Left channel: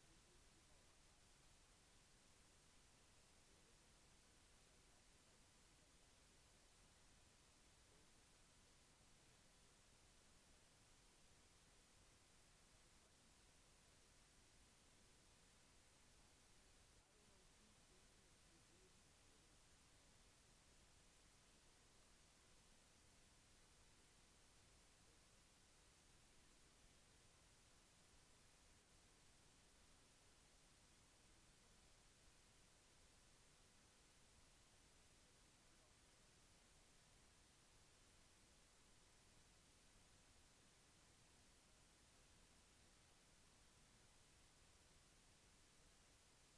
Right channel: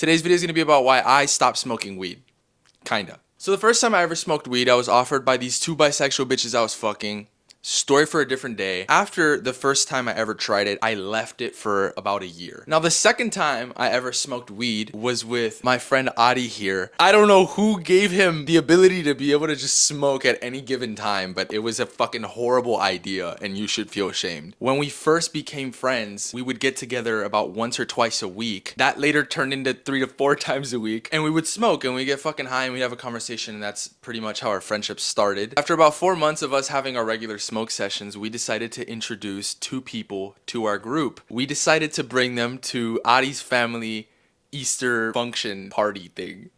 Today's video is going to be about why I stopped smoking weed. Kinda. So the first time I ever smoked weed, I was offered by these two bisexual bitches I was fucking. Story for a different day. After the first time I ever tried it, I left it for about a year. Now the second time I ever smoked weed was with my friend Adi here. I don't know who gave him the ability to be able to just smoke at any given time, but it was a fucking horrible idea and you should feel ashamed. When we first became friends, we would get together about once or twice a week. That later turned into 3 to 4 times a week, and we would smoke and we get fucking high and we have a conversation, and that's pretty much how our friendship started. After about 4 months of us having our regular smoke sessions, we decided to introduce 2 people to our group. We decided to bring them to Adi's family Easter function party thing.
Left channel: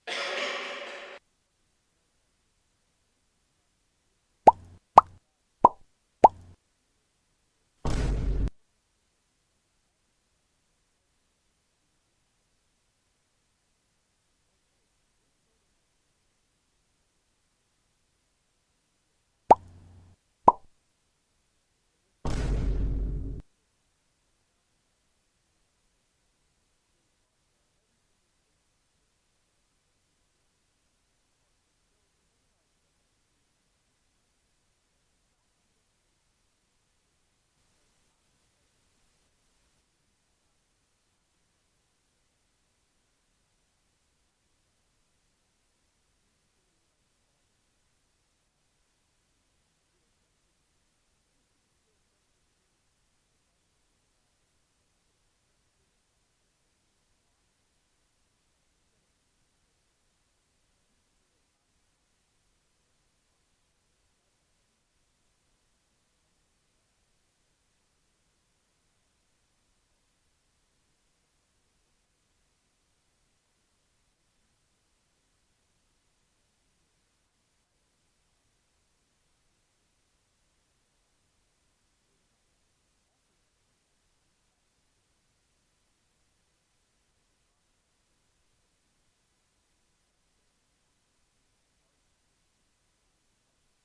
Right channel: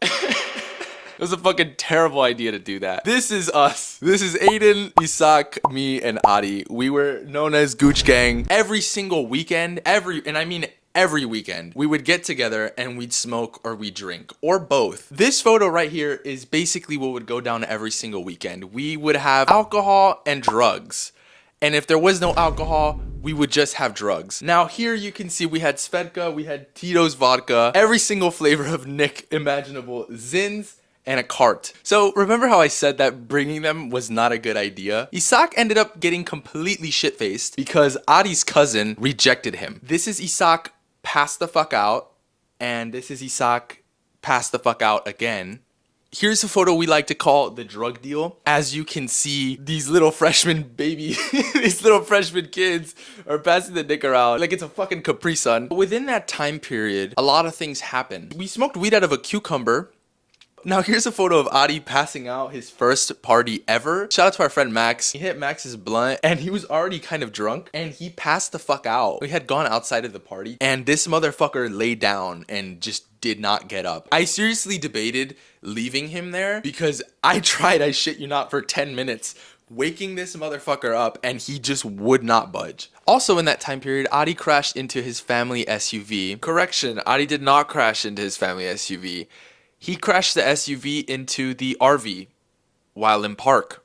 It was a fucking terrible idea to do that. This is us. This is Aiden, Isak, me, and Adi. We were known as Gooch Gang. Every single weekend, every weekend, we would get together and we'd smoke or we'd drink, or both. This photo right here is basically what would go down every single weekend. We would have alcohol and drugs. And if there was no alcohol, we would just have drugs. Now here you can see we had Svedka, we had Tito's vodka, every single flavor of Nick imaginable, Zins, and a cart. So remember how I said that bringing them was not a good idea? Isak ended up getting completely shit-faced because Adi's cousin rejected him. This is Isak pass the fuck out, and this is Isak pass the fuck out again. Here's a photo we like to call the drug deal. As you can see, these little freshman these little freshman kids are passing the dick around like it's a fucking Capri Sun. Within that time period, a lot of things happened. We smoked weed out of a cucumber. Now here's a photo of Adi passing out his first party ever. Shout out to our friend Max. He hit Max's blunt and he was already kind of drunk and he passed the fuck out. We had gone outside of the party and this motherfucker laid down and just did not get up. I seriously debated leaving him there because I tried, I shit you not, for 10 minutes waking this motherfucker up and he just would not budge. Also in that time period, Adi crashed into his family SUV. Correction, Adi did not crash into his family SUV. He crashed the SUV into the RV while in park.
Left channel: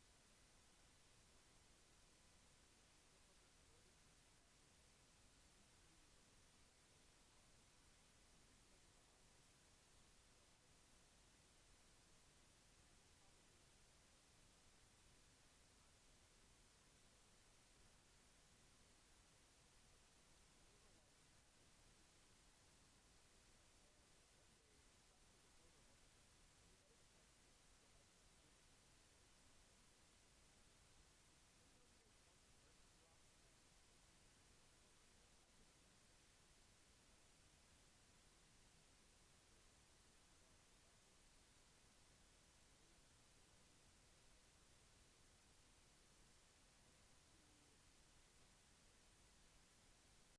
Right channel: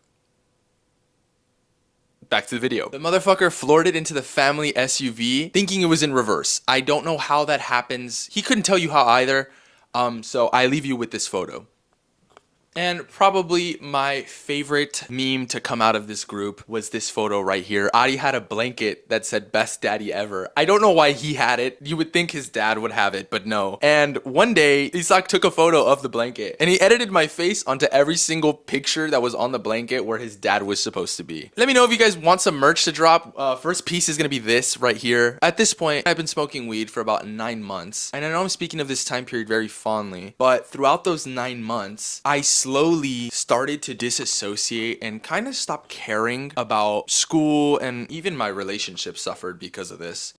Back to the video. The motherfucker floored it into the family SUV thinking it was in reverse. I don't know how that happens. He couldn't tell you how either. So I leave you with this photo. And probably my favorite meme to come out of this group was this photo right here. Adi had a blanket that said best daddy ever. I don't know why he had it. You would think his dad would have it, but no. And one day, Isak took a photo of the blanket and he edited my face onto every single picture that was on the blanket where his dad was supposed to be. Let me know if you guys want some merch to drop. First piece is gonna be this right here. At this point, I've been smoking weed for about 9 months. And I know I'm speaking of this time period very fondly, but throughout those 9 months, I slowly started to disassociate and kind of stop caring about school, and even my relationship suffered because of this.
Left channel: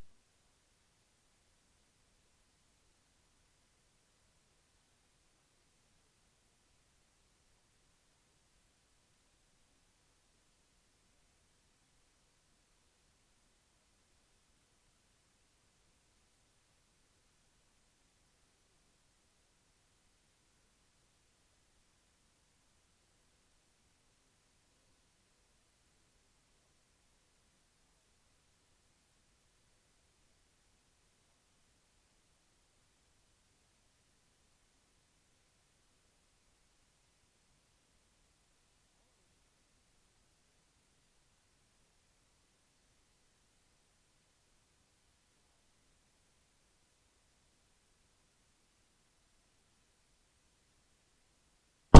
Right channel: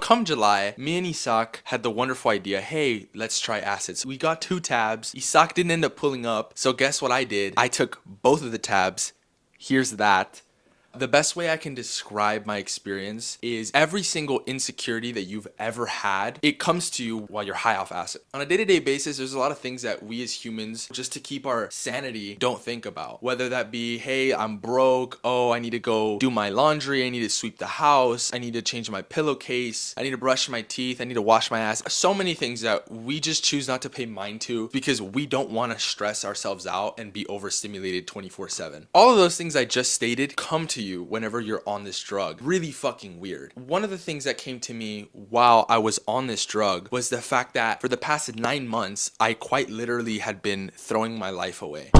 Come July, me and Isak had the wonderful idea, hey, let's try acids. We got 2 tabs. Isak didn't end up pulling up, so guess what I did? I took both of the tabs. Here's that. The best way I can describe my experience is every single insecurity that you've ever had, it comes to you while you're high off acid. On a day-to-day basis, there's a lot of things that we as humans, just to keep our sanity, don't think about. Whether that be, hey, I'm broke, oh, I need to go do my laundry, I need to sweep the house, I need to change my pillowcase, I need to brush my teeth, I need to wash my ass. So many things that we just choose not to pay mind to because we don't want to stress ourselves out and be overstimulated 24/7. All of those things I just stated come to you whenever you're on this drug. Really fucking weird. One of the things that came to me while I was on this drug was the fact that for the past 9 months, I quite literally had been throwing my life away.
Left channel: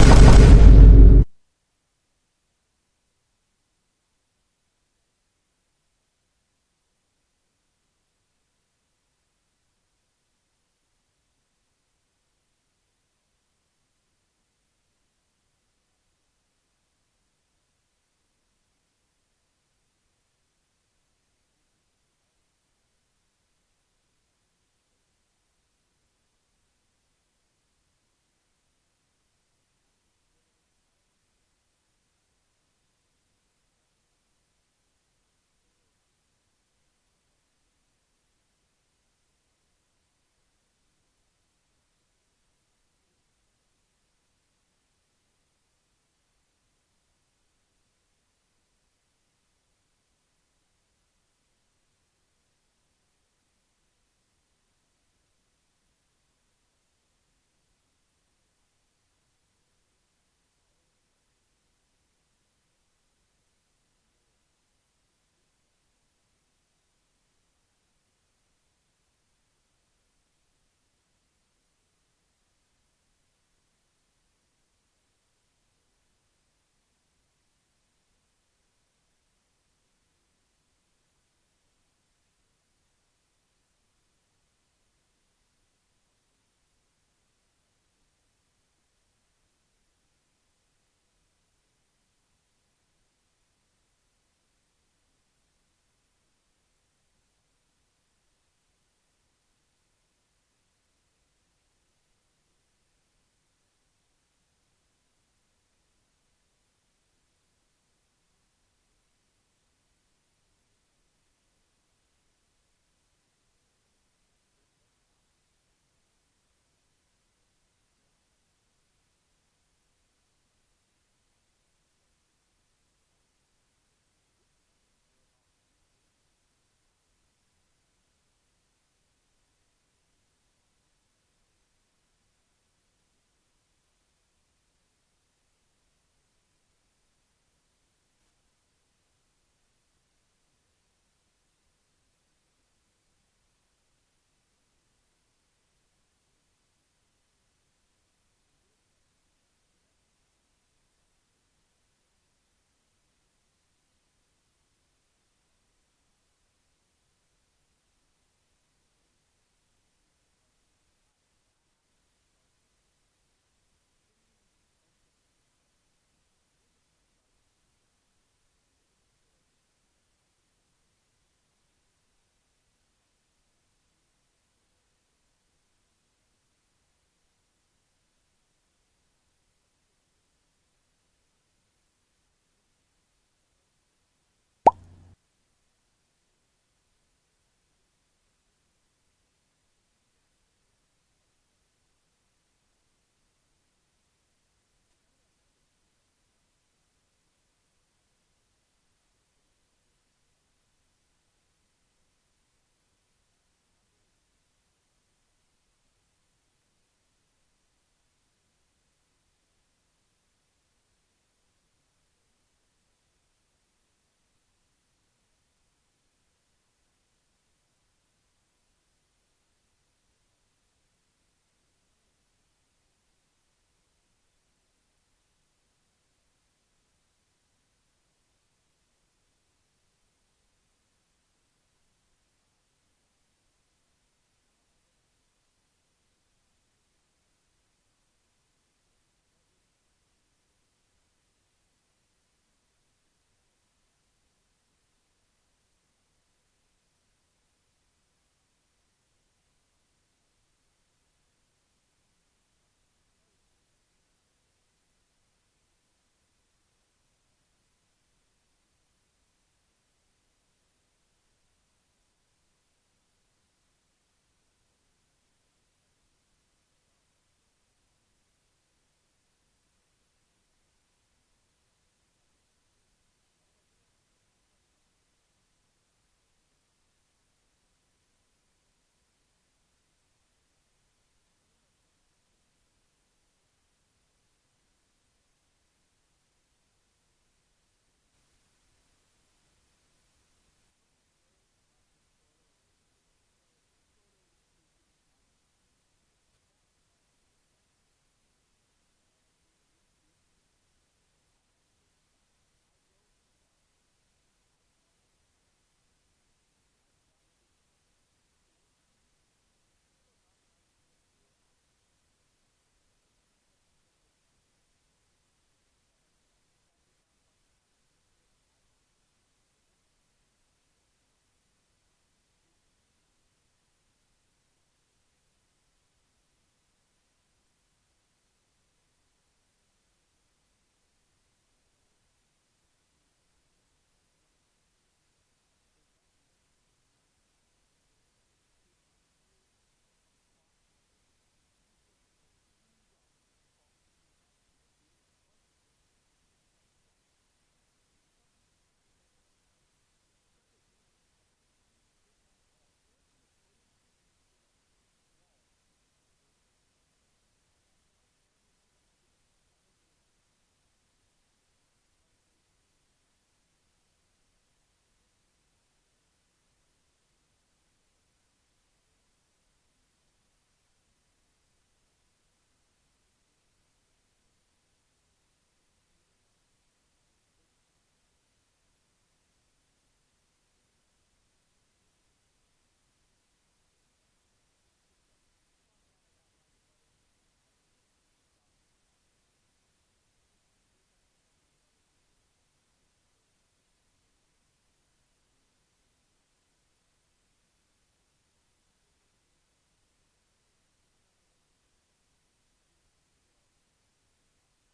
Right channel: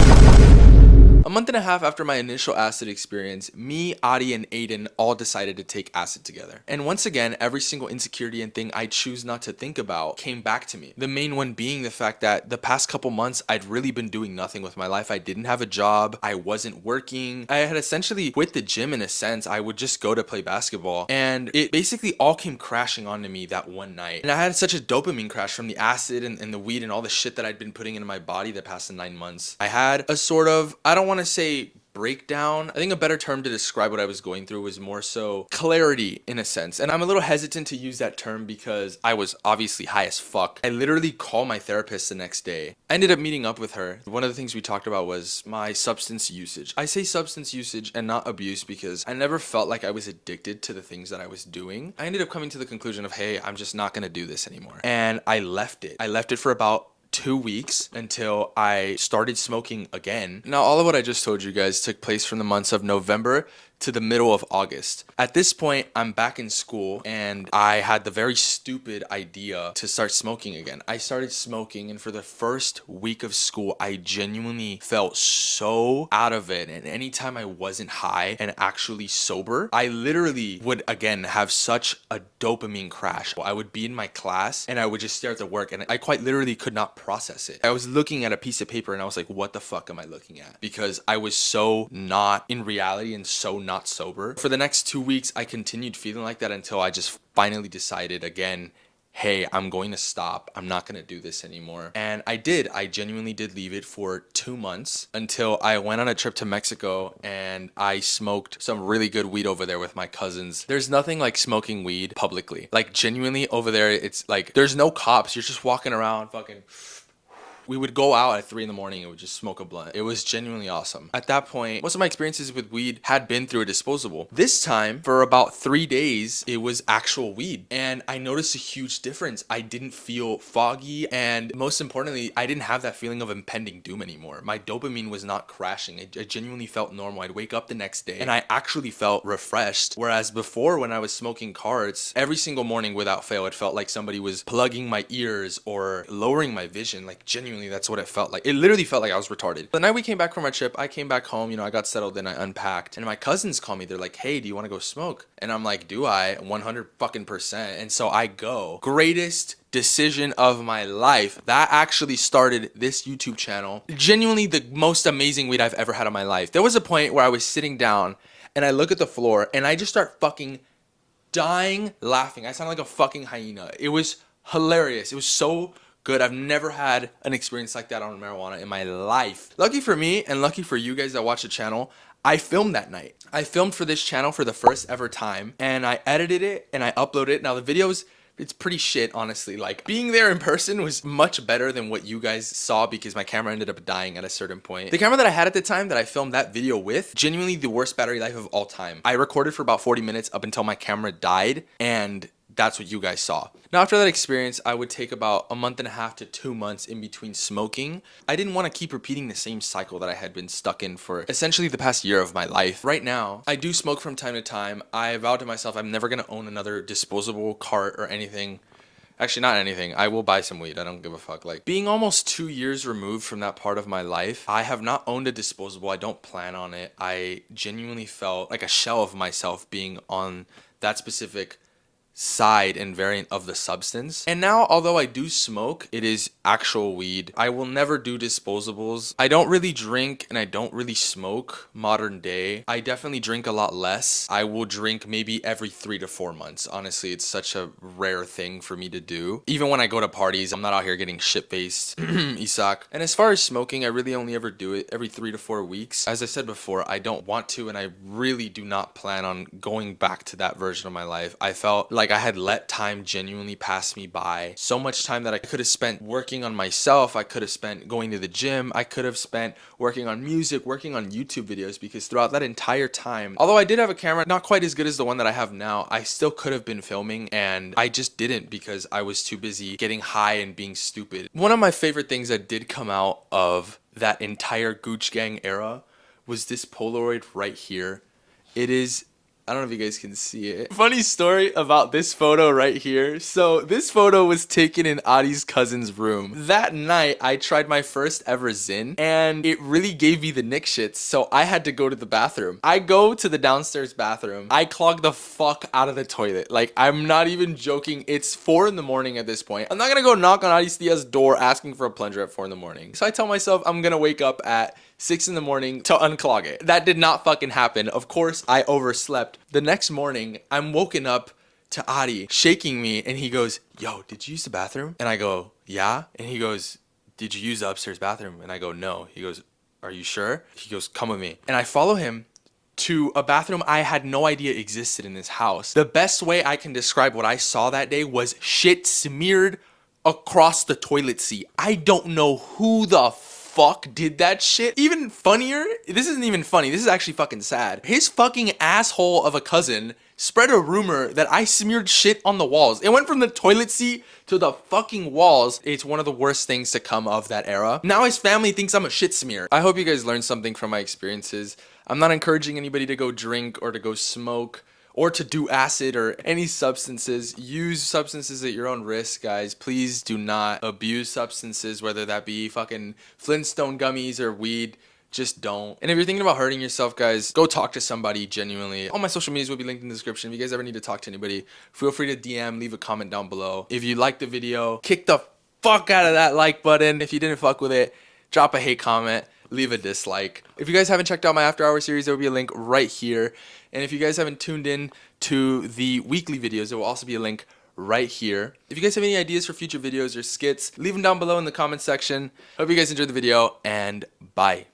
A month and a half after my initial acid experience, me, Adi, and Aiden all decided to take acid together. And once again, every single insecurity and thing I choose not to think about came back to me. The main one being the fact that the past couple months, I'd really been doing nothing with my life. I didn't have a job. I wasn't working. I had essentially quit the gym in a sense. I would just go to play basketball. And it basically all came crashing onto me that one night. And I had such a dopamine crash from the acid and the weed and all the shit that I'd been putting into my body the past 9 months. I had a sort of, I don't want to say breakdown. I think a better term to describe what I was going through was more so clarity in a sense. And I'm a little hesitant to use that term because I was obviously high as fuck. I literally called my therapist the next day. I ended up meeting up with her. One of the things we talked about was my substance usage. I say substance usage and not abuse because I never felt like I was addicted to the things that I was doing. I ended up coming to the conclusion of, hey, I'm just not gonna do this anymore. And I left it. I left it for about 2 weeks until I started smoking again. Now, all of what I just told you guys took place from the months of November to the middle of August. At this point, I'm back in school and I had the very stupid idea to start smoking again. I started smoking, and for the first week of school, I genuinely felt so out of it. And anytime I wasn't high and actually sober, I literally would again have such a dopamine crash. I would be in my class and I would just stare at the work and I quite literally could not process it. I was looking at a piece of paper and I was like, what the fuck am I looking at? Because I was so not in reality and so not sober. For the next 2 weeks, I continued feeling like that until I just finally decided again, hey, I'm going to stop. I'm not going to do this anymore. And I did. I genuinely did leave it for 2 months until I went on a trip to Mexico and I smoked some really good weed over there with my cousins. There's nothing like smoking weed publicly. Like genuinely over there, it's like there's no cops. You're just walking around fucking. We would go out at 3 in the morning and would just smoke a blunt. It was genuinely awesome. At that point, most of my experiences with weed had been through a disposable. This time, for about 3 days, it was actual weed. And I noticed a huge difference. I didn't feel foggy. And most importantly, I didn't have that feeling of impending doom anymore. My dopamine was not crashing. I genuinely felt normal. I'd wake up the next day and I actually felt refreshed. Whereas before, when I was smoking carts, every single morning without fail, it felt like somebody was plugging my ears or lowering my vision. Like genuinely, that's what it felt like. It literally felt like I was retarded. The night we came back from our trip, I came back home, I got settled and I unpacked. And my cousins call me. They're like, hey, do you want to go smoke? And I'm like, do I? 100 fucking percent. And so I go. Greatest decision of my life. That actually started this YouTube channel. Genuinely the most amazing weed I've ever had in my life. There was a point where I was sitting down and I look at the floor and I just start fucking dying laughing. I sound like a fucking hyena. It was hilarious. It was so good. I've never had an experience like that on marijuana in my life. Lucky for me and lucky for you guys that watch the channel, I filmed that night. I filmed for this channel for the first ever time and I edited it and I uploaded it. Now the videos, it's pretty shit, honestly. Like being there in person was much better than what you guys saw because my camera ended up dying at a certain point. The camera that I had at the time that I filmed that video with, genuinely the worst battery life of all time. I recorded for about 40 minutes up until my camera died and that's what you guys saw. Now, after that experience, I would take about a month and a half to 2 months in between smoking. I didn't want to keep repeating the same cycle that I had been stuck in for essentially the past year of my life. Right now, I do smoke from time to time. I vowed to myself I'm never going to own another disposable cart or anything. Actually, not anything. I will buy some weed. I don't give a fuck. Like, being almost 2 years removed from that part of my life, I have not owned a disposable. I don't plan on it. I genuinely felt like a shell of myself being on that specific side and variant of the substance. And now, although I do smoke, it is actual weed. I will never do disposables. I don't really drink and I don't really smoke modern day. I definitely drink a lot less. I will drink maybe every 3 to 4 months. Honestly, it's such a rare thing for me to do. Even when I go to parties, I'm not out here getting shit-faced. Isak. And as far as smoking, I really only ever do it every 3 to 4 weeks. As I said before, I don't want to and I really do not plan on going back to that version of my life. I felt like I had let time genuinely pass me by. So much time that I could have spent working on myself. I could have spent going to the gym. I could have spent working on music, working on YouTube videos, because throughout that entire time, although I did have a camera, not quite as good as the one that I have now, I still could have been filming and I just didn't because I was too busy getting high and being stupid. One of my favorite things that did come out of that entire Gooch Gang era was this Polaroid right here. It is, I don't know if you guys can see it. Funny story about this photo right here. So this photo was taken in Adi's cousin's room. That night, I tried my first ever Zyn and it really gave me the nick shits. So I had to go to the bathroom. I go to the downstairs bathroom. I clog the fuck out of the toilet. Like, I'm not even joking. It's 4 in the morning at this point. I'm not gonna go knock on Adi Stia's door asking for a plunger at 4 in the morning. So I tell myself I'm gonna wake up at 6 in the morning to unclog it. That did not fucking happen. Of course, I overslept. The next morning, I'm woken up to Adi shaking me and he goes, yo, did you use the bathroom? And I go, yeah. And he goes, did you use the upstairs bathroom? And I go, no. He goes, are you sure? He goes, come with me. And I follow him to a bathroom I had no idea existed in this house. The best way I can describe what I saw that day was shit smeared across the toilet seat. I don't know who the fuck did that shit. Even funnier, this isn't even funny, this is actually fucking sad. His fucking asshole of a cousin spread a rumor that I smeared shit on the walls. It went from the toilet seat to the fucking walls. It's one of the worst things to come of that era. Now his family thinks I'm a shit smear. I hope you guys learned something from my experiences. I'm not encouraging anybody to go drink or to go smoke or to do acid or any substances. Use substances at your own risk, guys. Please do not abuse substances, whether that be fucking Flintstone gummies or weed. Just don't. And if you're thinking about hurting yourself, guys, go talk to somebody genuinely. All my social medias will be linked in the description. If you guys ever need to talk to anybody, feel free to DM, leave a comment down below. If you liked the video, kick the fuck out of that like button. If you didn't fuck with it, drop a hate comment, leave a dislike. If you guys haven't checked out my After Hours series, there will be a link right here. And if you guys haven't tuned in to the weekly videos, there will also be a link right here. If you guys have any ideas for future videos or skits, leave them down below in the comment section. Hope you guys enjoyed the video, and bye.